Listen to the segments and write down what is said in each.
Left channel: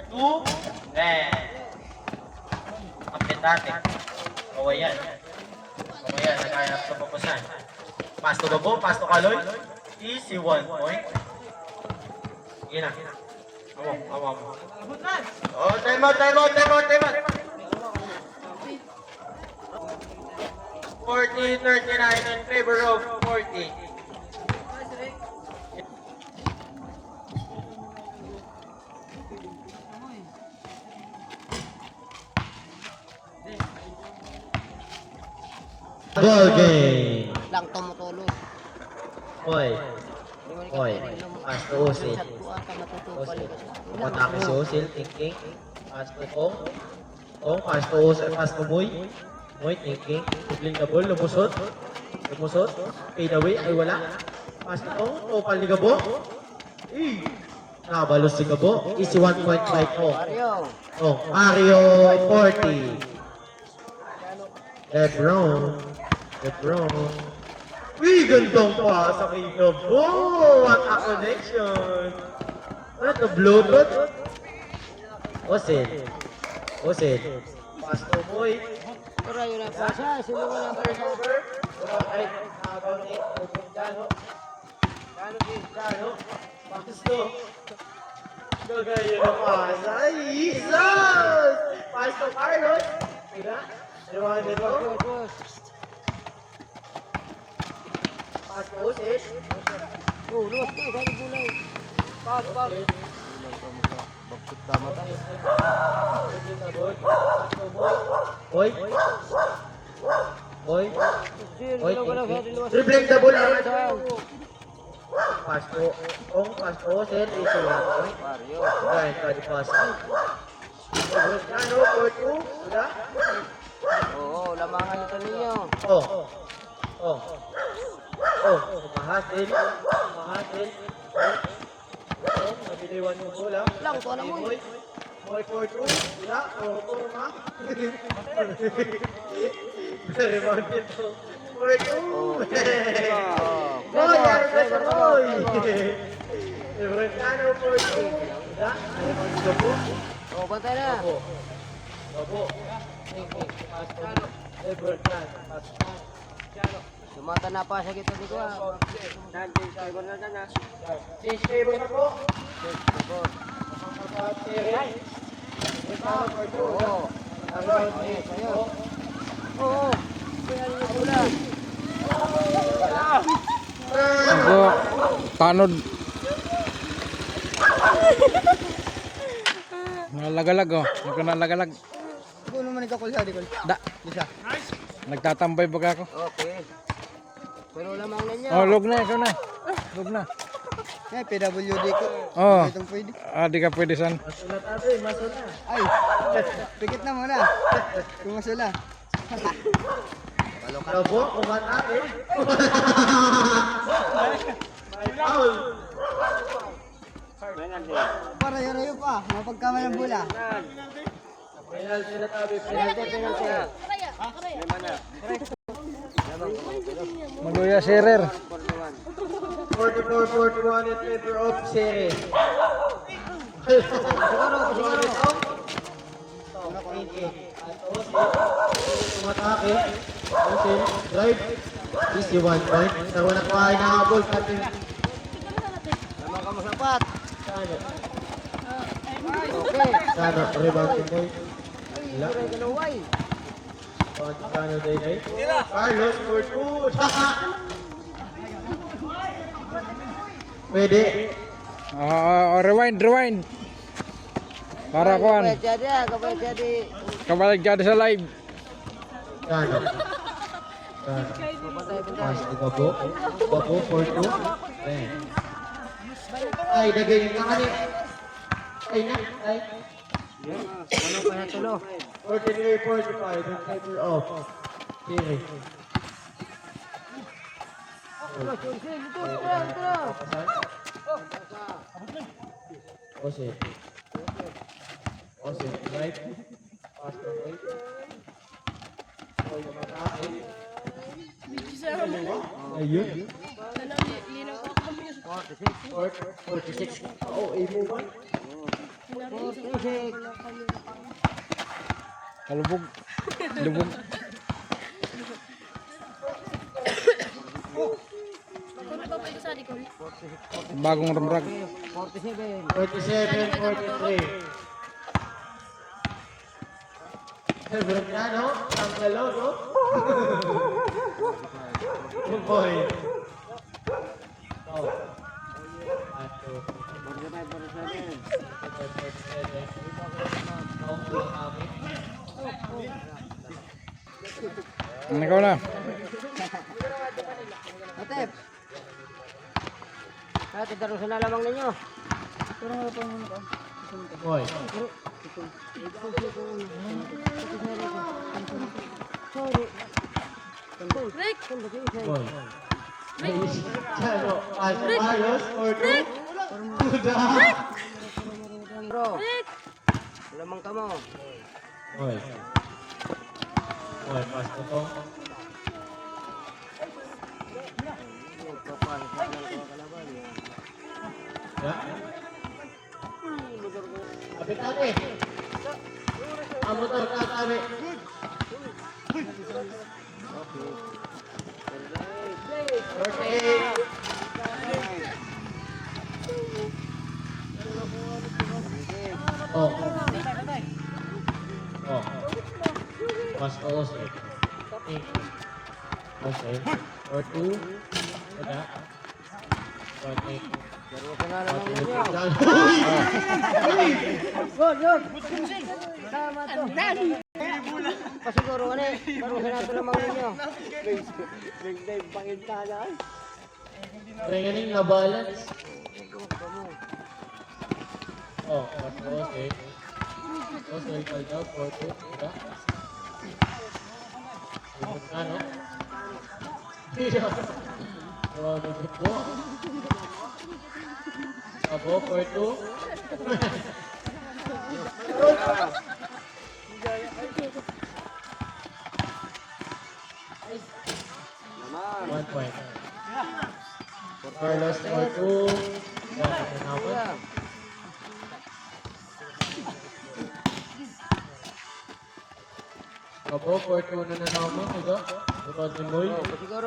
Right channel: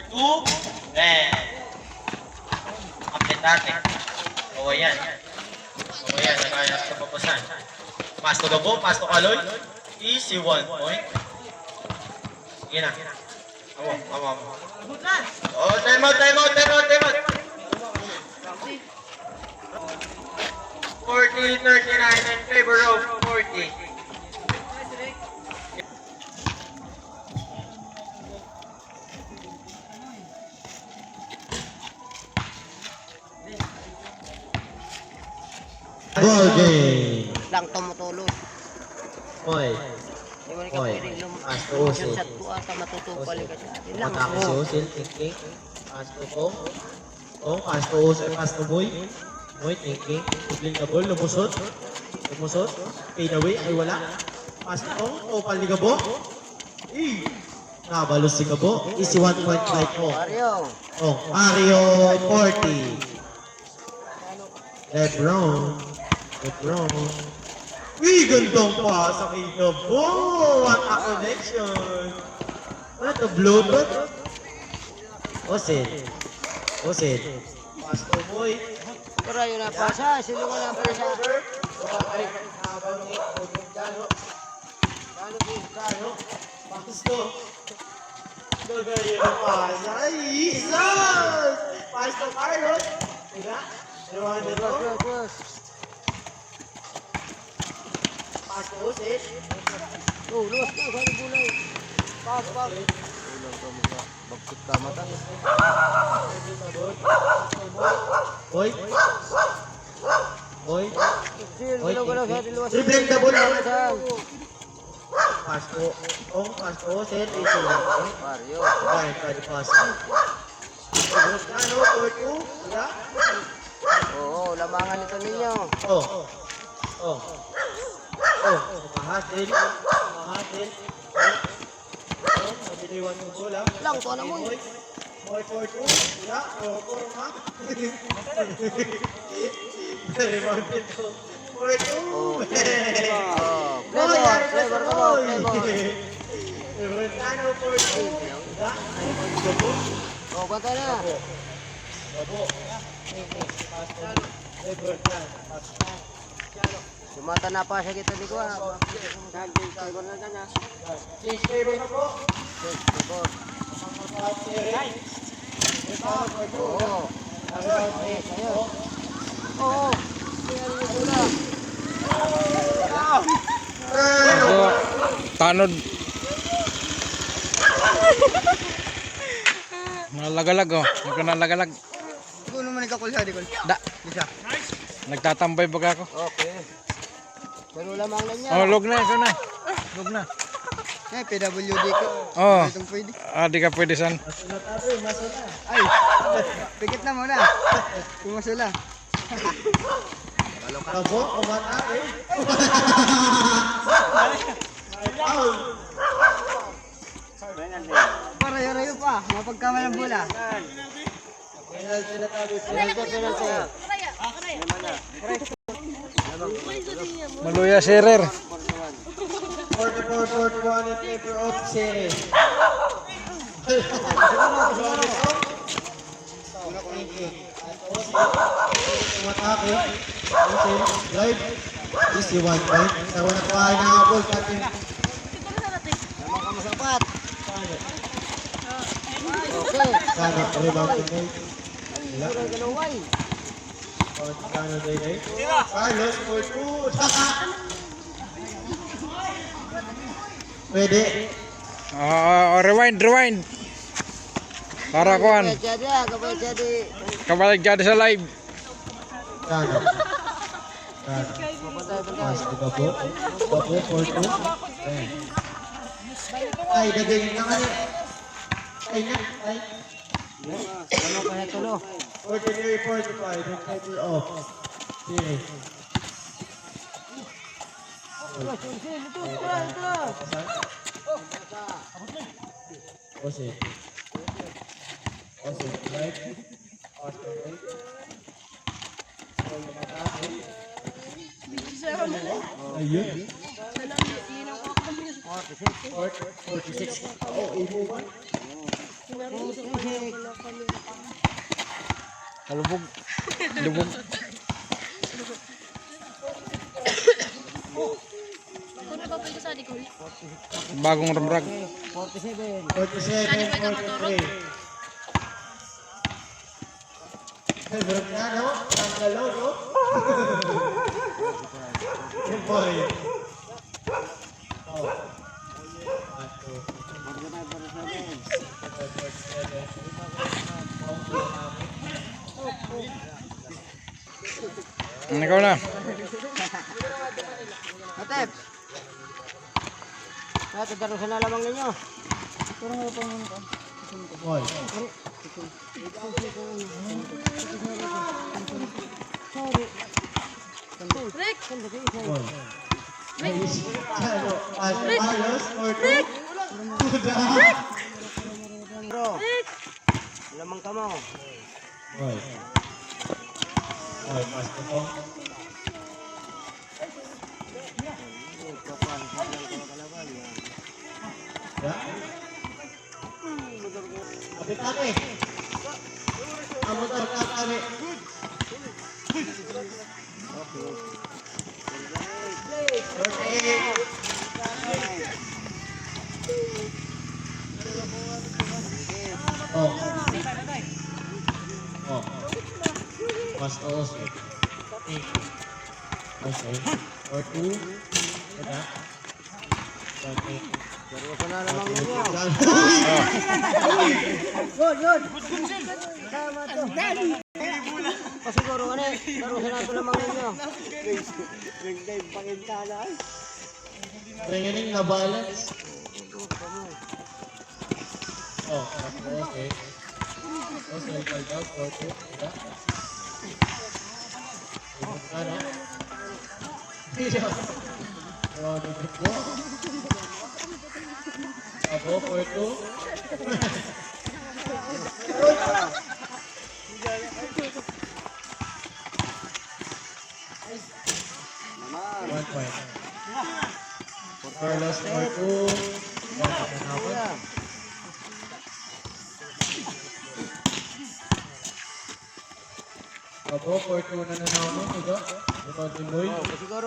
2. Red. Update natin. Kawayan. Kawayan. Nagkaya sa papasan. Pass to Gabo. Pass to Kaloy. Easy 1 point. Sige na. Amo. Oh, time out. 40-39 in favor of 40. Ball game. Lang tumutulog. Hoy. Di mo rin ka Hoy. pwedeng Pass to Usil. sa tuwa ka matutupal ka siya. Yun lang. Matapos si Usil. Thinking. Pass to Tong. Pass to Usil. Pass to Boy. Boy, thinking. Bigling na ball. Lumusot. Fade away. Ay wala. Pass to Tong. Topal ni Gabo. Nabalos si Gabo. Easy 1 point by Tong. Mario. Mario 40. Red wrong. Gandang pa sa kay Gabo. What a connection. Ano ito? Bluetooth? Osin. Pass to Boy. Pero yun na pasa. Sino ka na pasa? Pass to. Gagayin na pasa. Ay, Jesus! Pass to Carlos. Diba? Ewan nito. Pass to Osin. Oh, luwas ko. Saan bulay? Pas. Bakit tama tayo? Boy. Galaw sa luwas. Dribbling the ball. Saan? Pass to Osin. Easy lang. Mario. Ayan, pwede pass. Ano, 4-2? Wala? Oo, lamangan ito ninyo. Mahatin. Pagdiliwan mo bola. Lang, ito na mo. Boy 4-2. Wala? Ma? Rebound ito. 4-2. Flavor ka mo. Ano, 4-2. Wala? Oh, bantay na. Sumata na pa sa kita di ko. Change favor na po. Oo. Tanod. Nalagalag oh. Nalagalag. Ikaw naman ikaw kulsa di ko. Da. Bisa. Nagtatambay baga ako. Okay. Pero lamang na niya. Oh, log na ikaw na. Log na. Eh, PWD ko. Oh. Itong pwede. Di ka pwede san. Ay, pikit na muna. Tumasula. Gabo, kumata eh. Parayo-rayo pa. Mapagkaman ng bola. Maluya serer. 44-41 in favor of series. Tumatake. Drive. Easy 1 point. Tawa na po ay nakabol. Lamang ka masapat. Sana, rebound to Boy. Galuway. Kano day. Carlos, 4-2. Pwede. Rewind. Para kuan. Kapag jadi. Kabalik jadi sa live. Kano. Mas di Gabo. Gabo, 4-2. Ay, dagay na kanya. Ay. Ano pa na tulo? 43-45 in favor of series. Ose, right? Pass to right. Ayun. 46. Oh, imo ba? Kalubog. Lubog. Ano ba pwede sa likod? Bagong ramrag. 47. 47, 43. Brocano, ang galaw, no? Good boy. Oh. Ikaw na. Atep. Natin daro sa lalawang ninyo. Pero mo pang ko. Boy. Rick! Boy. Ayos. Ayos. Rick! Bro. Lamang ka mo. Boy. Boy, pas ito. Ya. Kapit kami. Amutar ka kami. Okay. Oh. Oh. Basta okay. Okay. Or two. Ada. Okay. Daro sa lalawang ninyo. Yun. Tama to. Kasiguro na eh. Daro sa lalawang ninyo. Training na balance. Oh, okay. Okay, ikaw daw, okay. Ada. Ano? Oh, dito po. Abo, for two. One point. For Carlos, for two. Abo, for two na naman. Ito. Ito, Timoy.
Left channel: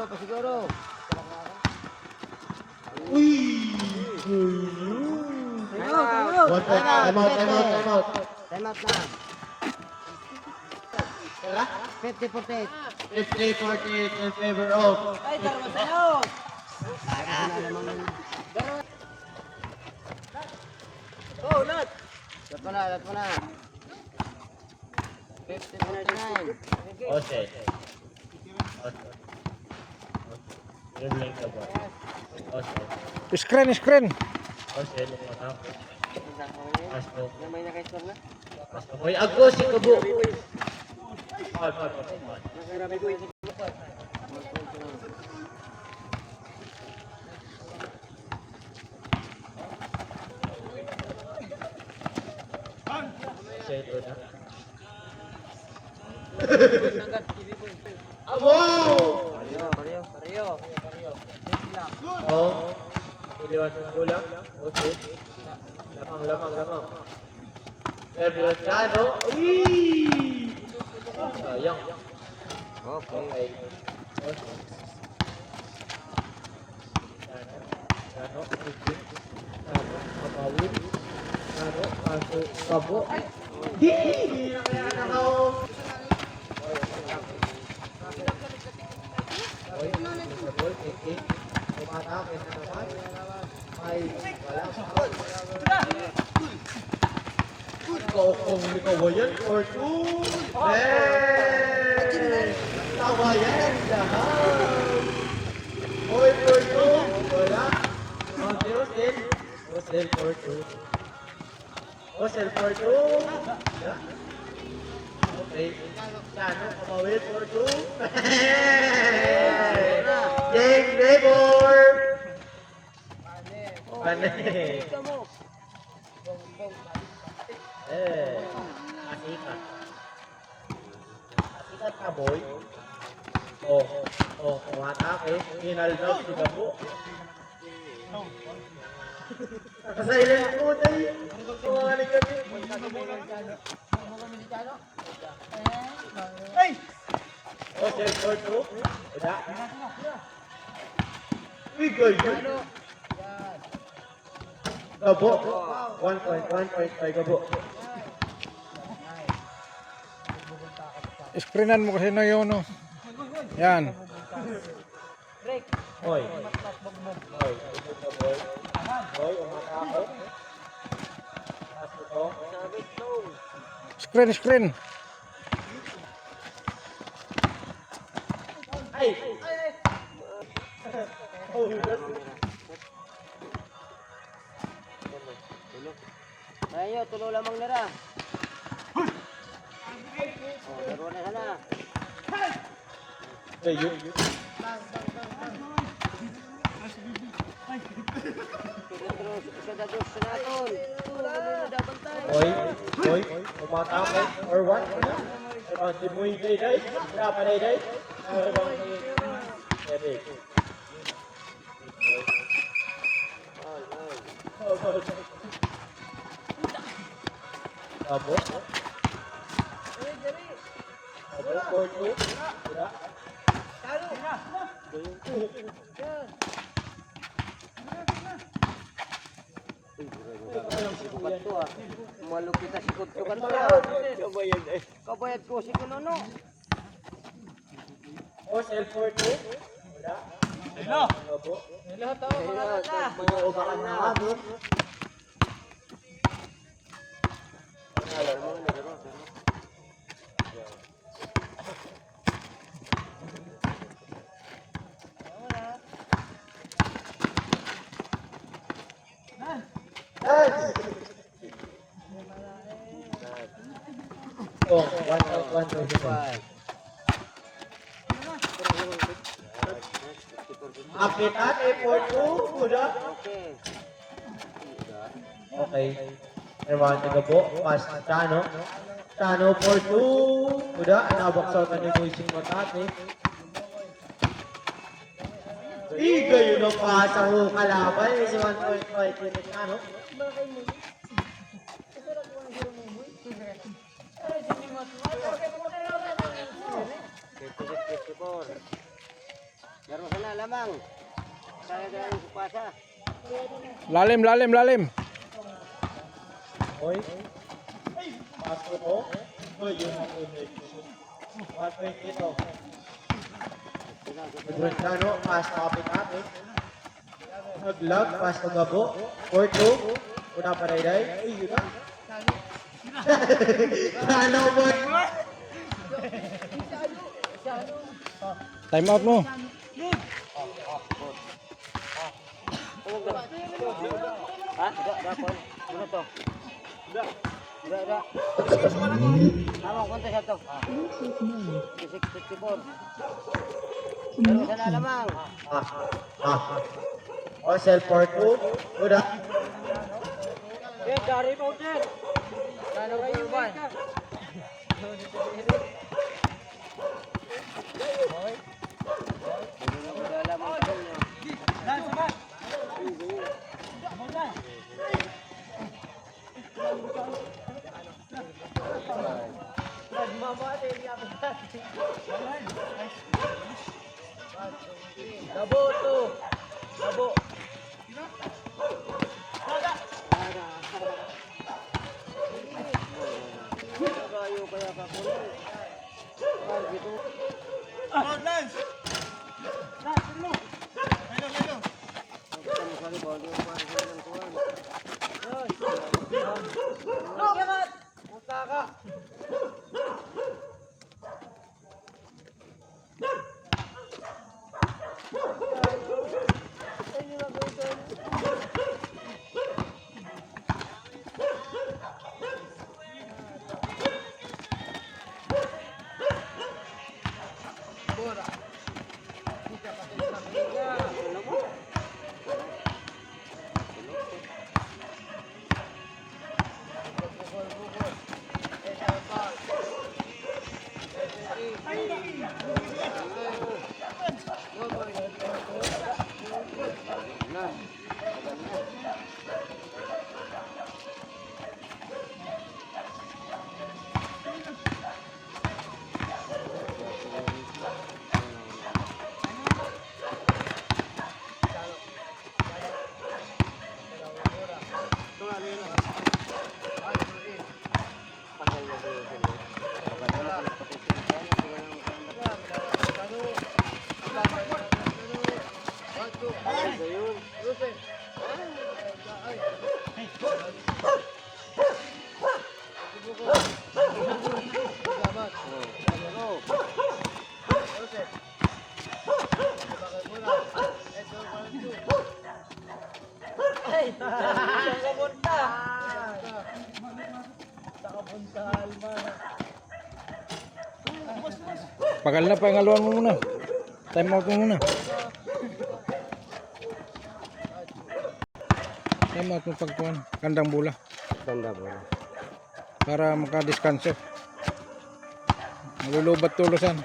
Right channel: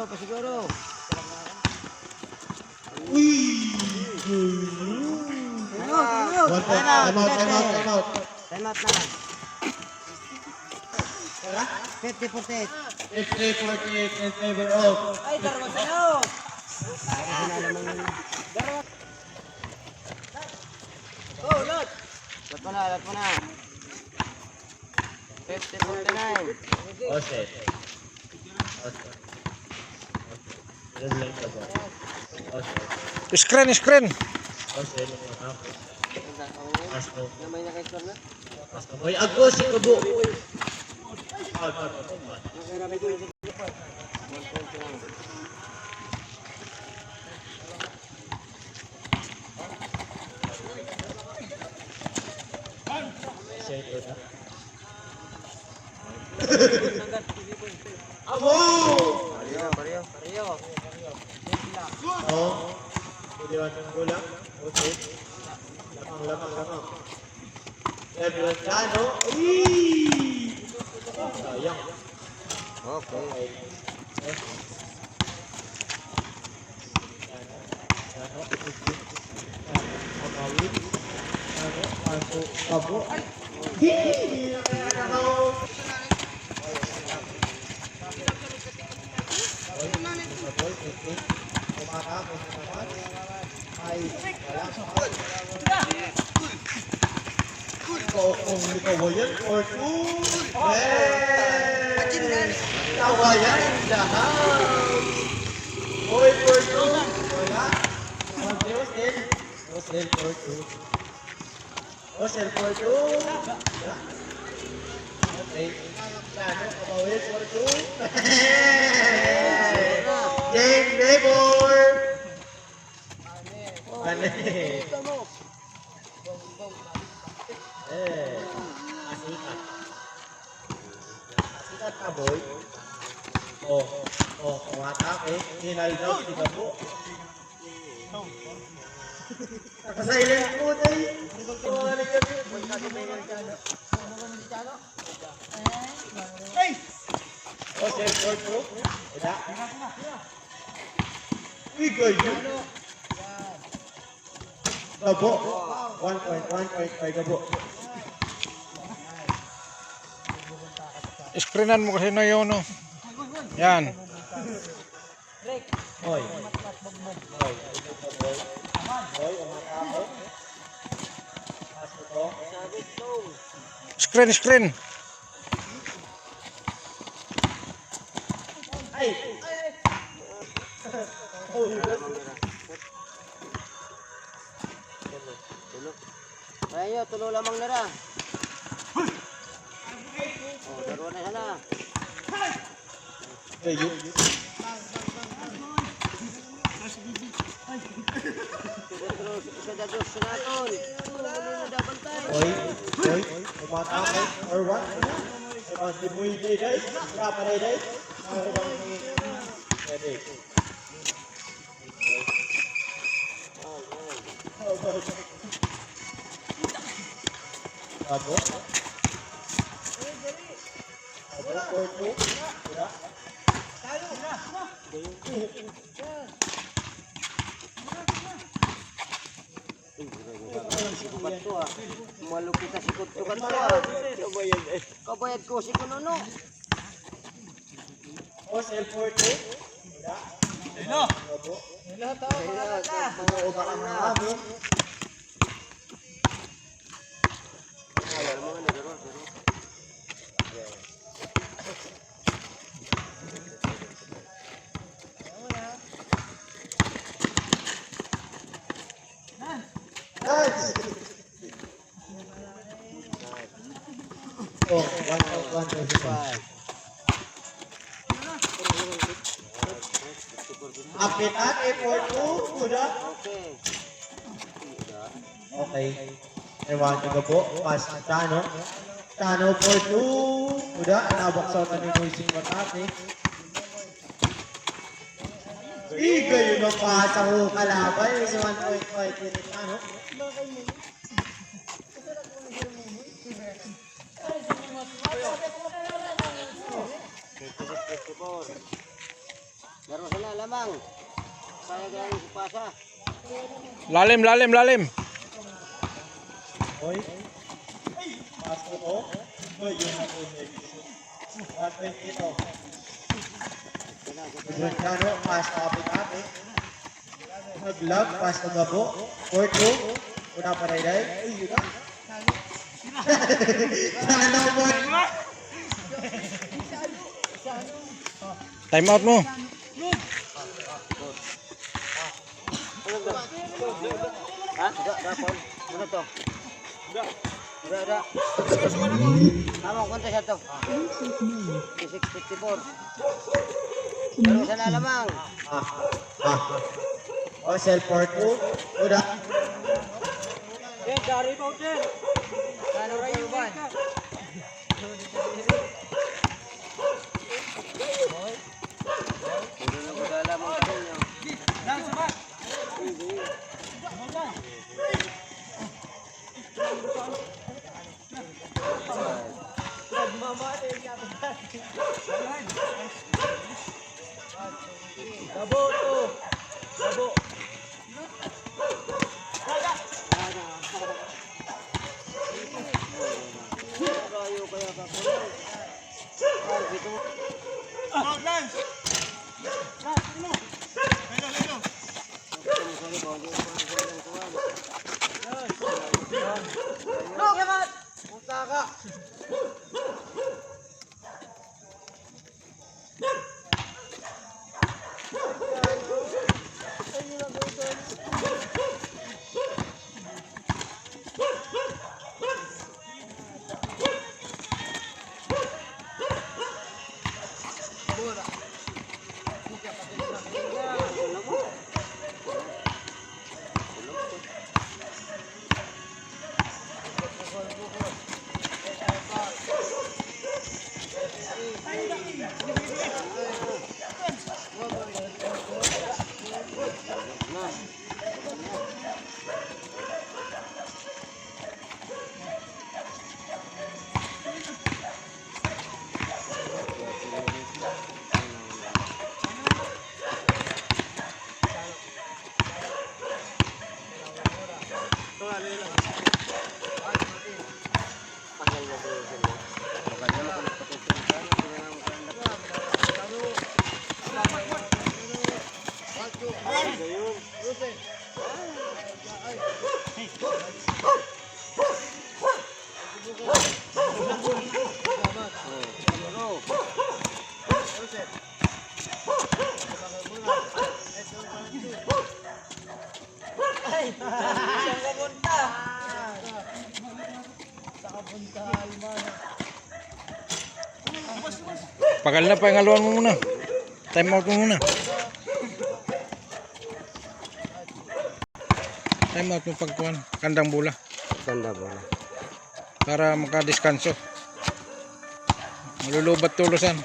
Pasiguro. One point. Time out. Time out na. 50-48. 50-48 in favor of. Ay, daro sa'yo. Oh, lat mo na. 50-49. Okay. Regular ka ba? Okay. Screen. Okay. Pasto. May nakaistor na? Pasto. Hoy, agos si Kubo. Wow! Pareho. Oh. Pwede ba itong bola? Okay. Lamang. Edward Cano. Sayang. Okay. Pabo. Hindi na kaya nakaw. Kung hindi kawayan or two. Kawayan in the house. Boy for two. Wala. Osel for two. Osel for two. Okay. Kano, kamawin for two. Jake Debor. Mane. Asikat. Asikat ka, boy. Kawata, Hinaldo, si Gabo. Nakasilent po tayo. Tumawalan kami. O, self-work po. Wala. Uy, good. Gabo. 1.5 gabo. Screenan mo kasi na yun, no? Yan. Hoy. Screen. Ayo, tulo lamang na ra. Laro na sana. Kayo. Kadagos sa naton. Hoy. Umatake. Or what? Si Boy Day. Siapa Day? Abo. Malupit na sikot to ka to. Kabayad ko si Kununo. O, self-work po. Hello. Abo. Oh, 1.5. Apitan, effort ko. Udah. Okay. Okay. Ewan juga po. Pas na Tano. Tano for 2. Udah. Nabaksaw na ni Moising Matate. Iga yun ang pasa ko kalaban. Si 1.5 yun ni Tano. Laro sana lamang. Saya galing sa pasa. Lalim. Hoy. Pas ko po. Hoy, yun ang unay. 1.20 ito. Idron Tano. Pas na Apitan. Nag-log. Pas na Gabo. 4-2. Una pa Day. Uy, yun na. Tano mo. Time out mo. Ha? Dapon. Ano to? Da. Tama, kunta siya to. 654. Laro sana lamang. O, self-work po. Udah. Ano rayo ba? Pagal na, pangaluan mo muna. Time out mo muna. Time out mo pagkuhan. Kandang bola. Ganda bola. Para makadiskanso. Malulubat tulusan.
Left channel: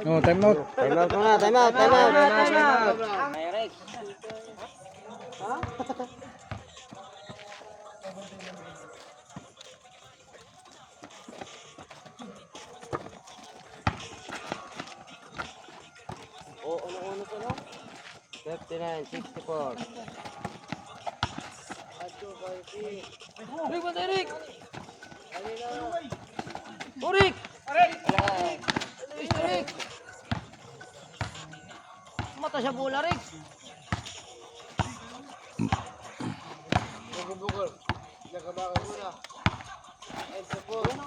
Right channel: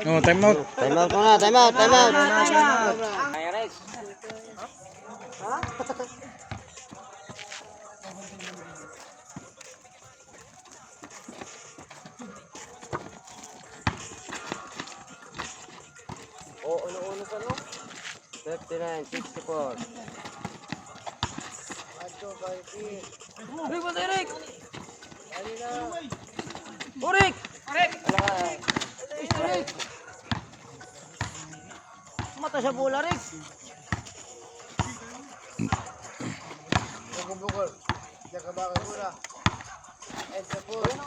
Oh, time out. Time out muna, time out, time out. Oh, ano pa no? 59, 64. Rick, basta Rick! Rick! Rick! Mata sa bola, Rick! Bukol. Diyan ka ba ka bola? Ay, sa bola.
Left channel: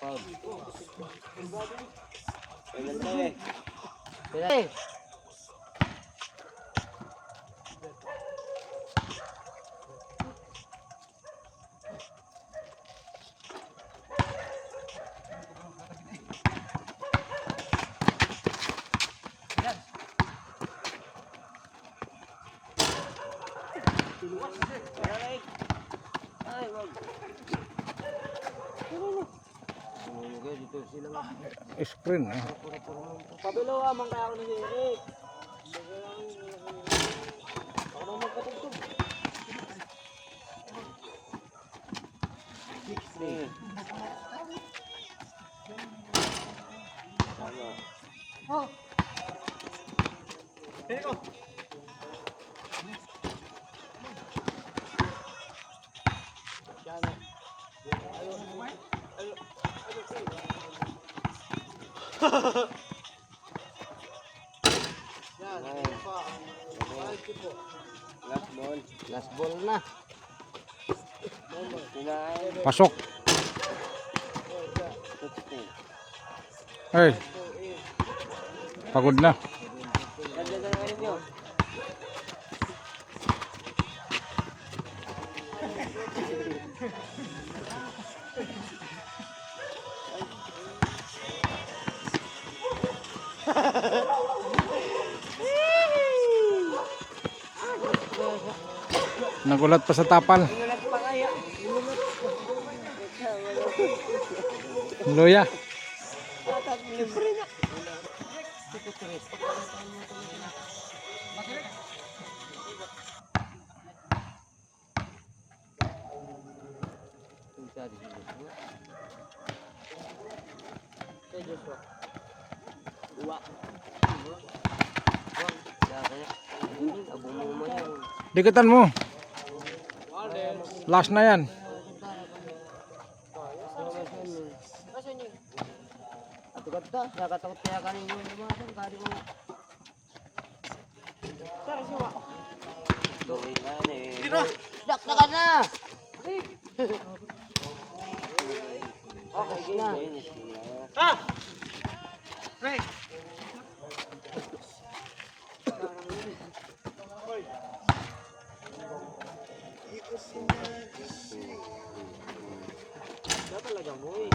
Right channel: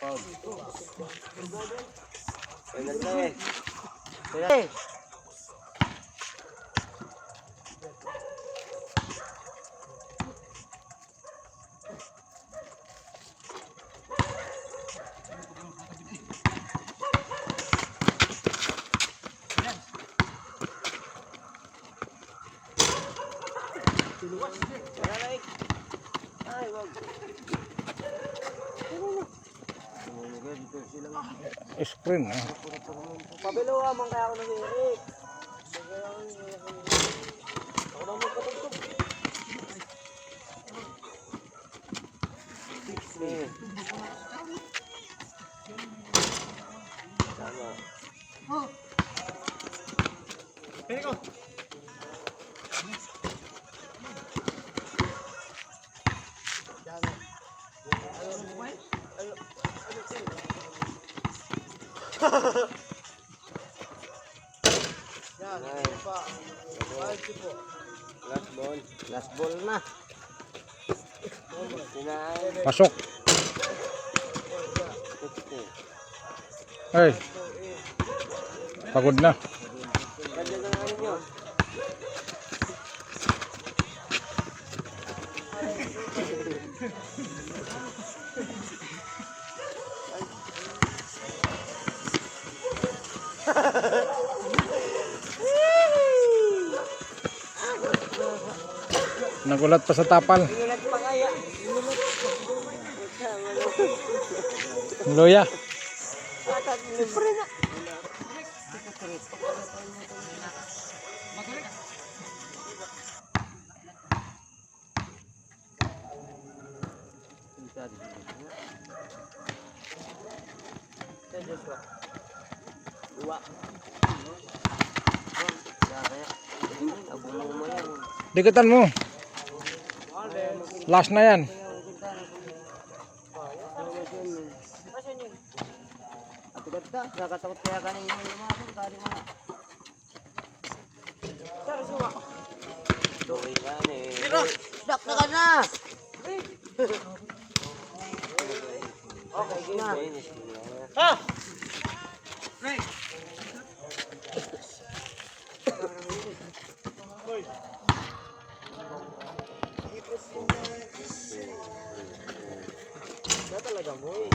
Foul. Ganda eh. Hey! Ay, wag. Dito sila. Screen. Pabilo man kaya ako ng Eric. Ako na magkatugtog. Tama. Oh. Pili ko. Last ball na. Pasok. Hey. Pagod na. Nagulat pa sa tapal. Loya. Deketan mo. Last na yan. Nakatakot kaya kanin yung lumasong kari mo. Tara siwa. Doy na eh. Dak na ka na. Okay na. Ha? Pre. Talaga mo eh.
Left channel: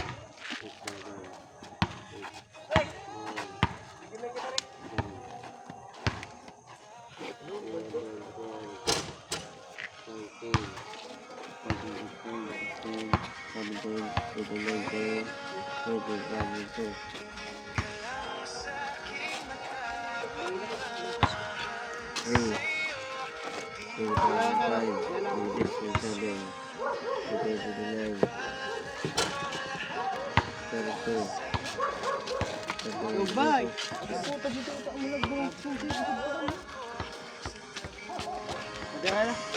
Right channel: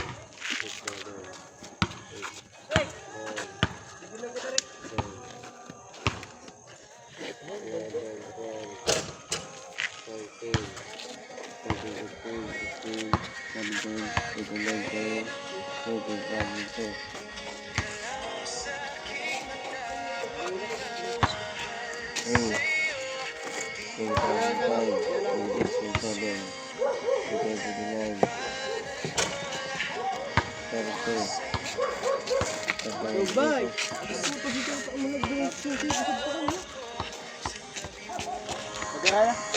Bye. Magkaya na.